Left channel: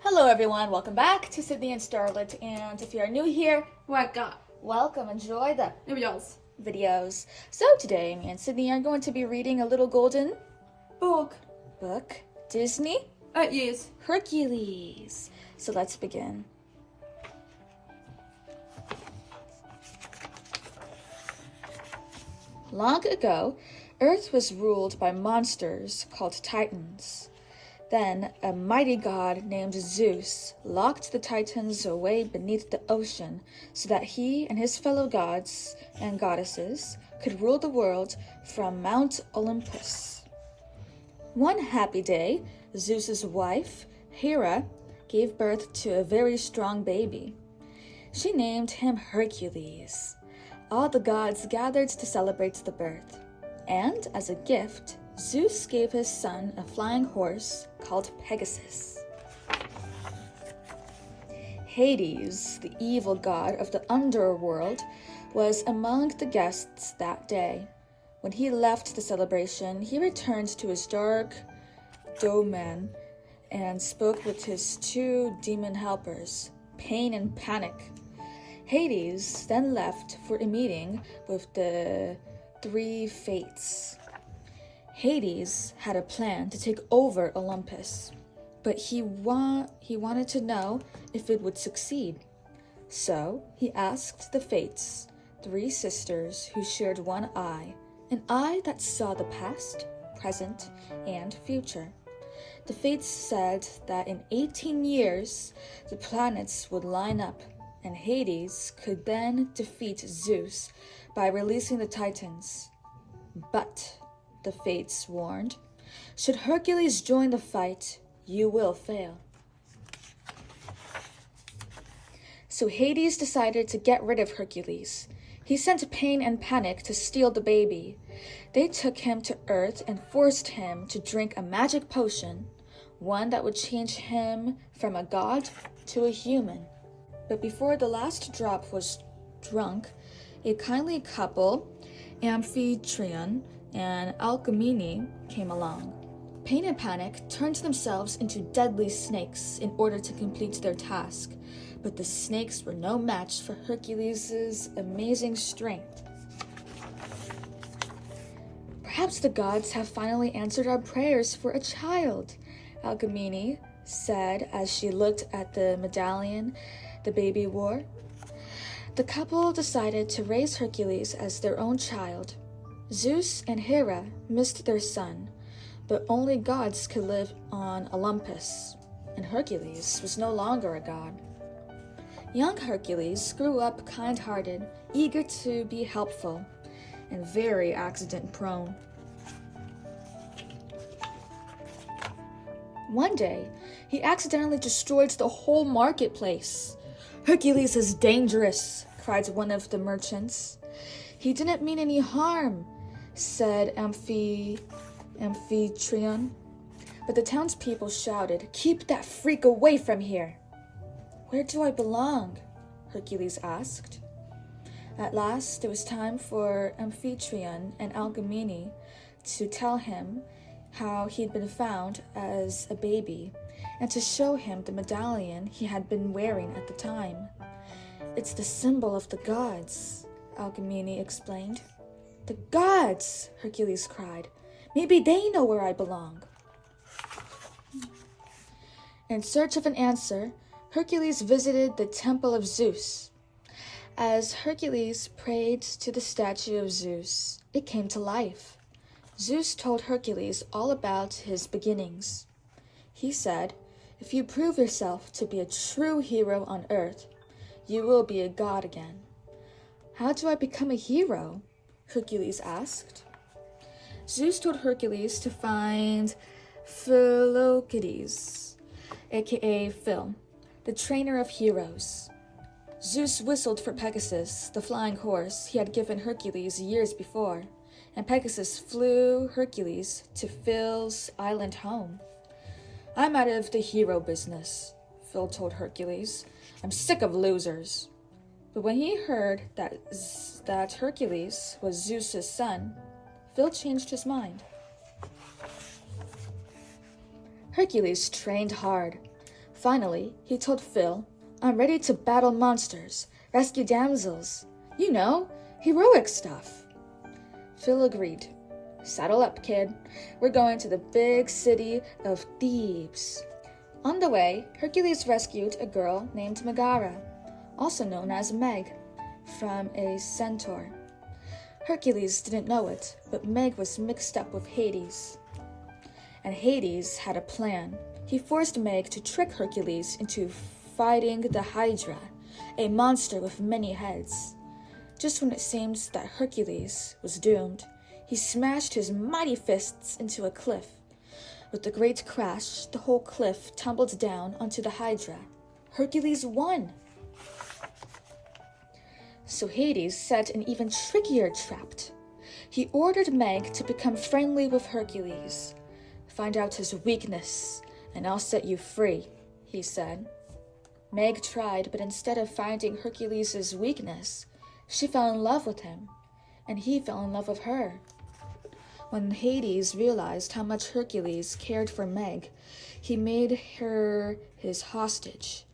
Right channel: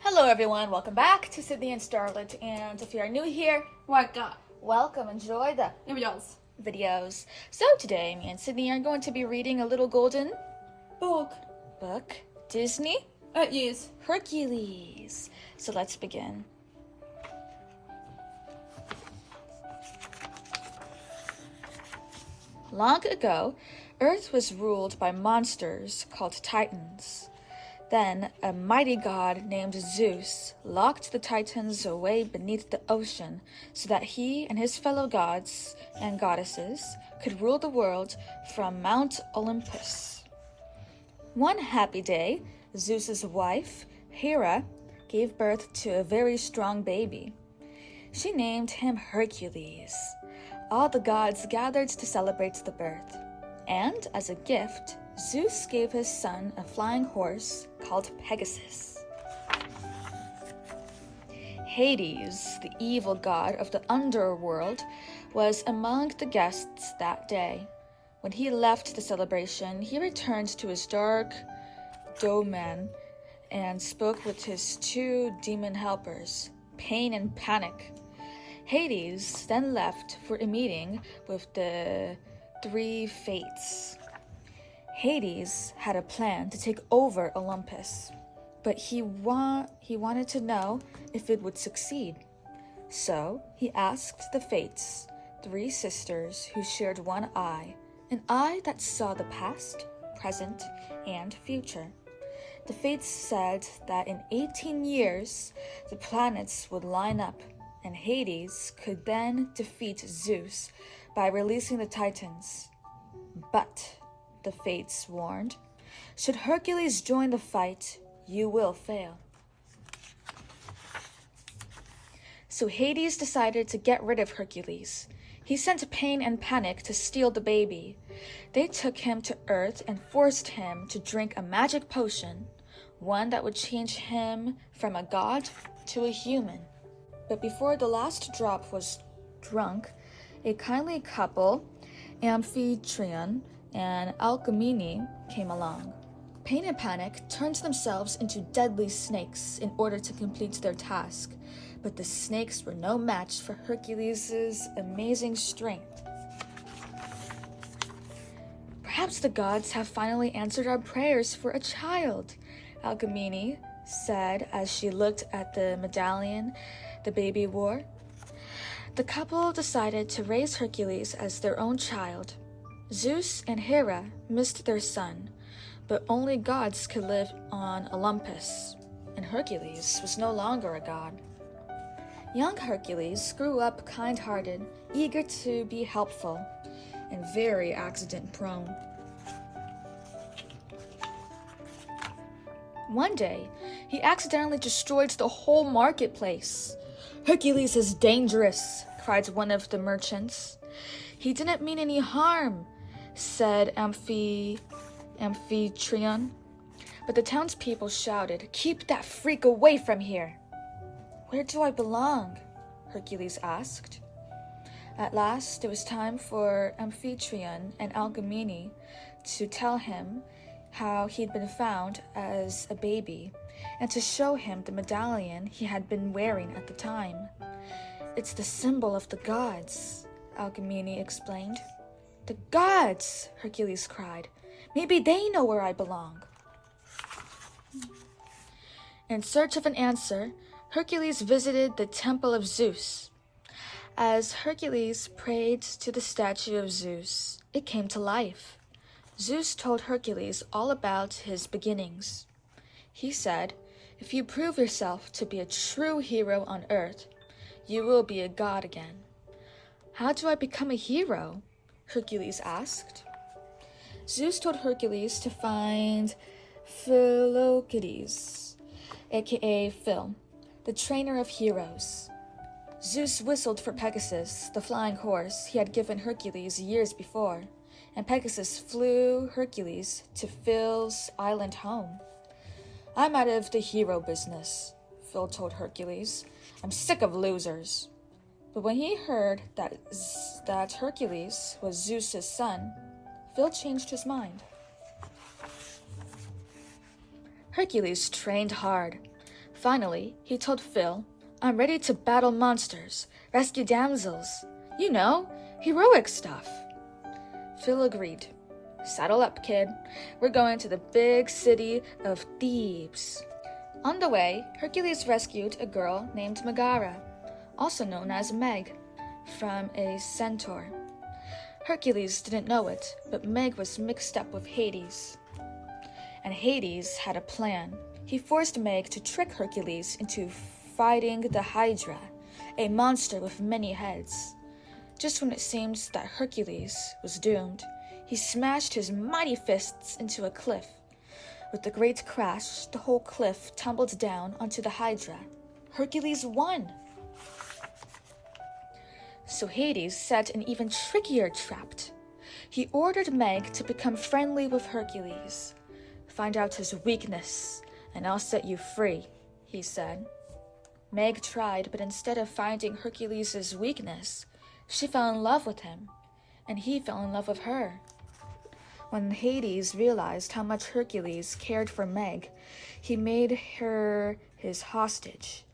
Hello everyone, welcome back to Sydney and Starlet, and if you are new here, welcome, enjoy the videos. So today, me and Sydney are going to be reading a little golden book. Disney Yes. Hercules. So let's begin. Long ago, Earth was ruled by monsters called Titans. Then a mighty god named Zeus locked the Titans away beneath the ocean so that he and his fellow gods and goddesses could rule the world from Mount Olympus. One happy day, Zeus's wife, Hera, gave birth to a very strong baby. She named him Hercules. All the gods gathered to celebrate the birth, and as a gift, Zeus gave his son a flying horse called Pegasus. Hades, the evil god of the underworld, was among the guests that day. When he left the celebration, he returned to his dark domain and spoke with his two demon helpers, Pain and Panic. Hades then left for a meeting with the three fates. Hades had a plan to take over Olympus, but he wanted to know if it would succeed. So he asked the fates, three sisters who shared one eye, an eye that saw the past, present, and future. The fates said that in 18 years, the planets would line up, and Hades could then defeat Zeus by releasing the Titans. But, the fates warned, should Hercules join the fight, you will fail. So Hades decided to get rid of Hercules. He sent Pain and Panic to steal the baby. They took him to Earth and forced him to drink a magic potion, one that would change him from a god to a human. But before the last drop was drunk, a kindly couple, Amphitryon and Alcmene, came along. Pain and Panic turned themselves into deadly snakes in order to complete their task, but the snakes were no match for Hercules' amazing strength. Perhaps the gods have finally answered our prayers for a child, Alcmene said as she looked at the medallion the baby wore. The couple decided to raise Hercules as their own child. Zeus and Hera missed their son, but only gods could live on Olympus, and Hercules was no longer a god. Young Hercules grew up kind-hearted, eager to be helpful, and very accident-prone. One day, he accidentally destroyed the whole marketplace. "Hercules is dangerous," cried one of the merchants. "He didn't mean any harm," said Amphitryon. But the townspeople shouted, "Keep that freak away from here!" "Where do I belong?" Hercules asked. At last, it was time for Amphitryon and Alcmene to tell him how he'd been found as a baby, and to show him the medallion he had been wearing at the time. "It's the symbol of the gods," Alcmene explained. "The gods!" Hercules cried. "Maybe they know where I belong." In search of an answer, Hercules visited the temple of Zeus. As Hercules prayed to the statue of Zeus, it came to life. Zeus told Hercules all about his beginnings. He said, "If you prove yourself to be a true hero on Earth, you will be a god again." "How do I become a hero?" Hercules asked. Zeus told Hercules to find Philoctetes, aka Phil, the trainer of heroes. Zeus whistled for Pegasus, the flying horse he had given Hercules years before, and Pegasus flew Hercules to Phil's island home. "I'm out of the hero business," Phil told Hercules. "I'm sick of losers." But when he heard that Hercules was Zeus's son, Phil changed his mind. Hercules trained hard. Finally, he told Phil, "I'm ready to battle monsters, rescue damsels. You know, heroic stuff." Phil agreed. "Saddle up, kid. We're going to the big city of Thebes." On the way, Hercules rescued a girl named Megara, also known as Meg, from a centaur. Hercules didn't know it, but Meg was mixed up with Hades. And Hades had a plan. He forced Meg to trick Hercules into fighting the Hydra, a monster with many heads. Just when it seemed that Hercules was doomed, he smashed his mighty fists into a cliff. With a great crash, the whole cliff tumbled down onto the Hydra. Hercules won! So Hades set an even trickier trap. He ordered Meg to become friendly with Hercules. "Find out his weakness, and I'll set you free," he said. Meg tried, but instead of finding Hercules' weakness, she fell in love with him, and he fell in love with her. When Hades realized how much Hercules cared for Meg, he made her his hostage.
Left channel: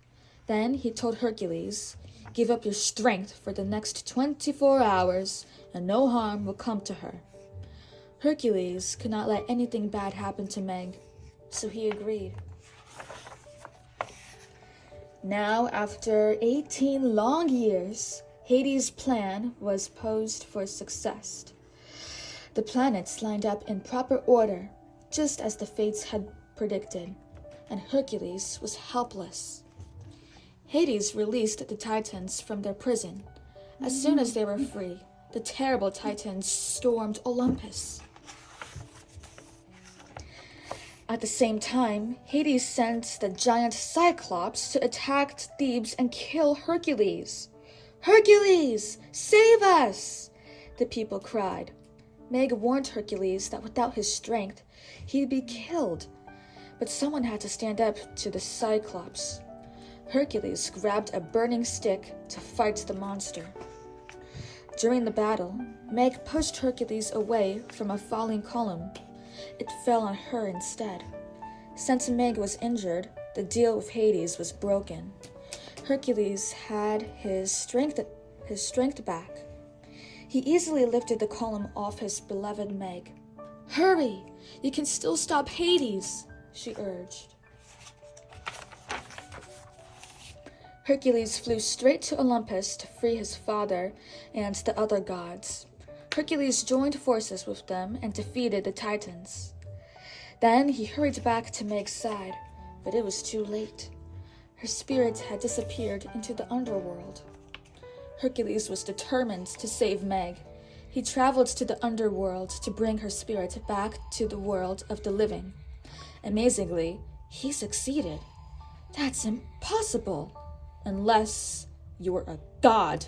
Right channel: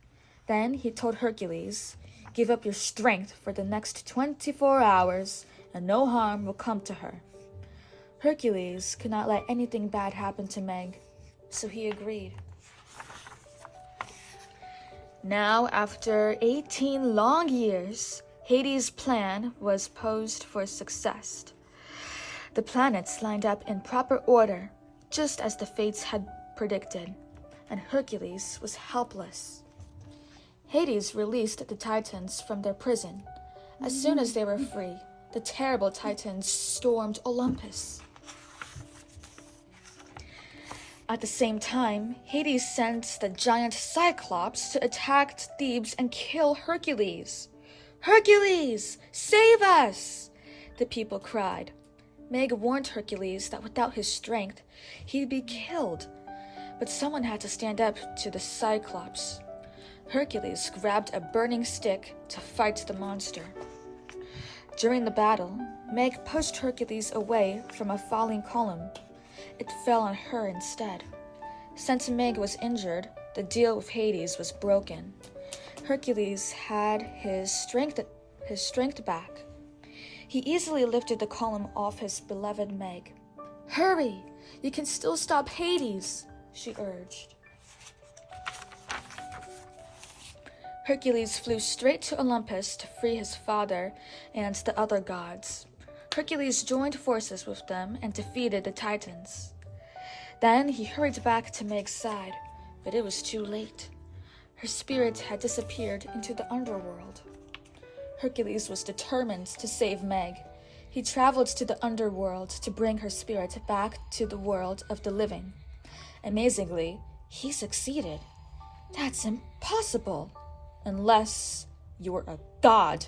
Then he told Hercules, "Give up your strength for the next 24 hours, and no harm will come to her." Hercules could not let anything bad happen to Meg, so he agreed. Now, after 18 long years, Hades' plan was posed for success. The planets lined up in proper order, just as the fates had predicted, and Hercules was helpless. Hades released the Titans from their prison. As soon as they were free, the terrible Titans stormed Olympus. At the same time, Hades sent the giant Cyclops to attack Thebes and kill Hercules. "Hercules, save us!" the people cried. Meg warned Hercules that without his strength, he'd be killed. But someone had to stand up to the Cyclops. Hercules grabbed a burning stick to fight the monster. During the battle, Meg pushed Hercules away from a falling column. It fell on her instead. Since Meg was injured, the deal with Hades was broken. Hercules had his strength back. He easily lifted the column off his beloved Meg. "Hurry! You can still stop Hades," she urged. Hercules flew straight to Olympus to free his father and the other gods. Hercules joined forces with them and defeated the Titans. Then he hurried back to Meg's side, but it was too late. Her spirit had disappeared into the underworld. Hercules was determined to save Meg. He traveled to the underworld to bring her spirit back to the world of the living. Amazingly, he succeeded. "That's impossible. Unless you're a god,"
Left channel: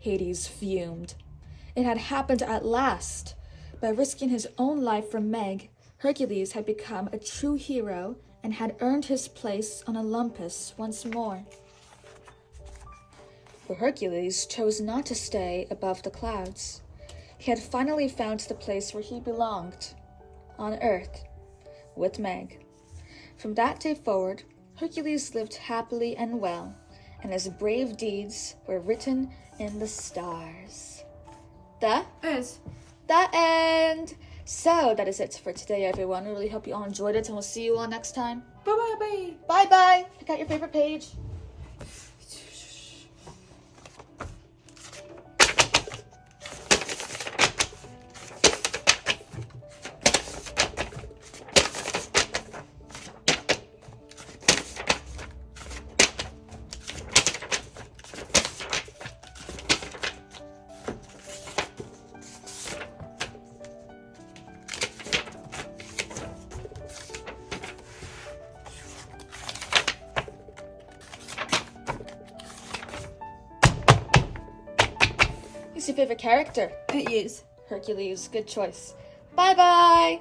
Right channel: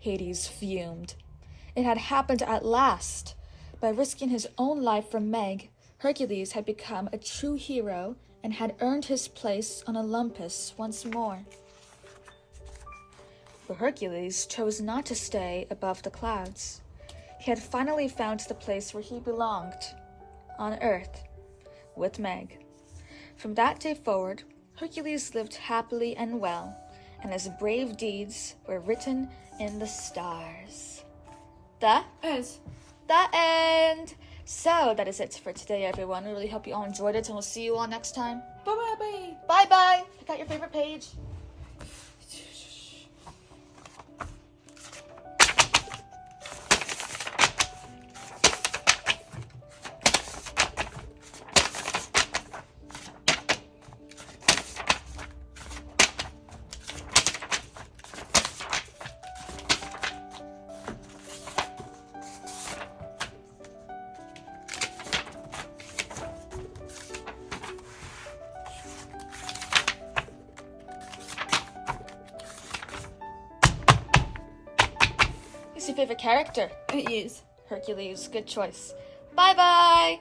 Hades fumed. It had happened at last. By risking his own life for Meg, Hercules had become a true hero and had earned his place on Olympus once more. But Hercules chose not to stay above the clouds. He had finally found the place where he belonged, on Earth, with Meg. From that day forward, Hercules lived happily and well, and his brave deeds were written in the stars. The end. So that is it for today, everyone. I really hope you all enjoyed it, and we'll see you all next time. Bye-bye. Bye-bye. Pick out your favorite page. Who's your favorite character? It is. Hercules. Good choice. Bye-bye.